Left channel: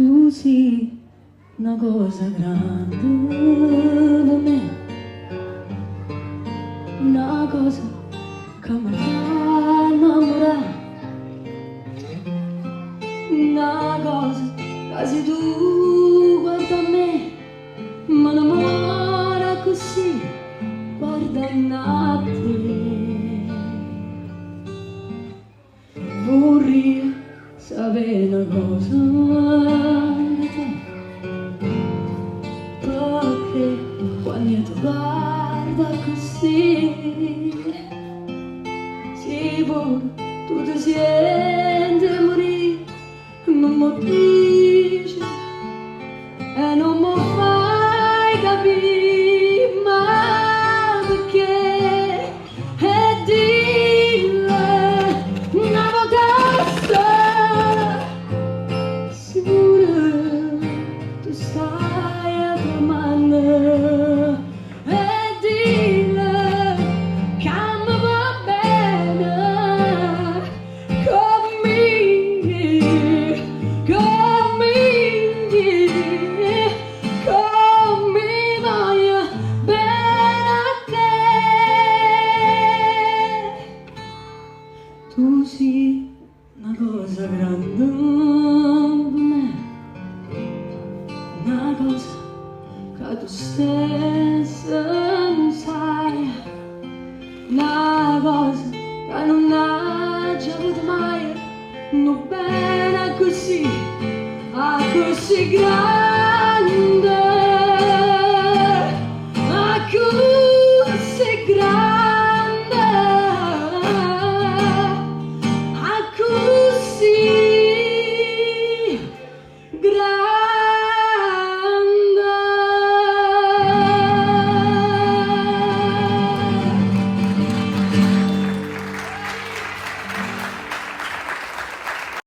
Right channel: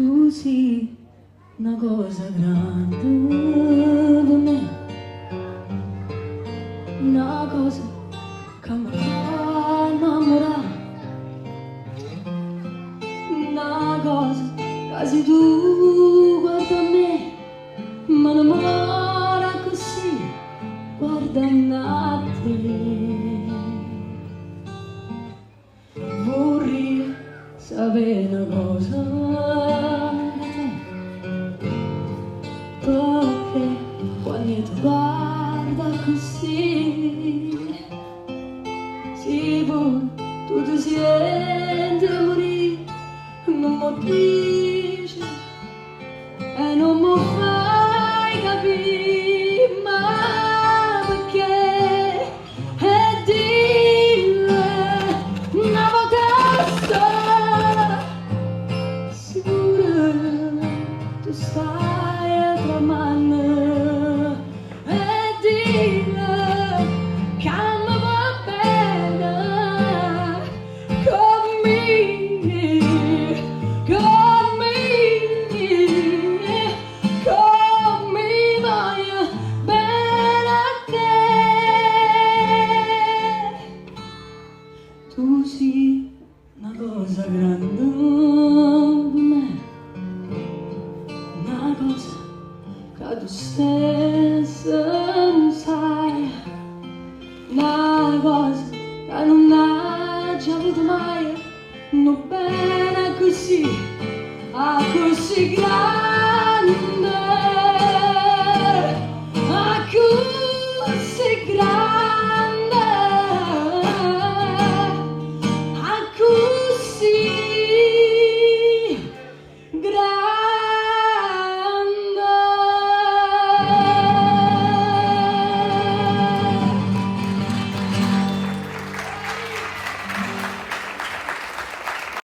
Tu sì, una cosa grande per me, una cosa che mi fa innamorare, una cosa che se tu guarda a me, ma l'amore così, guarda a te. Vorrei sapere una cosa, perché quando io ti guardo così, sicuro tu ti senti a morire, non mi dici e non mi fai capire, ma perché? E dille una vacanza sicura tu stai a domande e dille che mi va bene come voglio bene a te. Tu sì, una cosa grande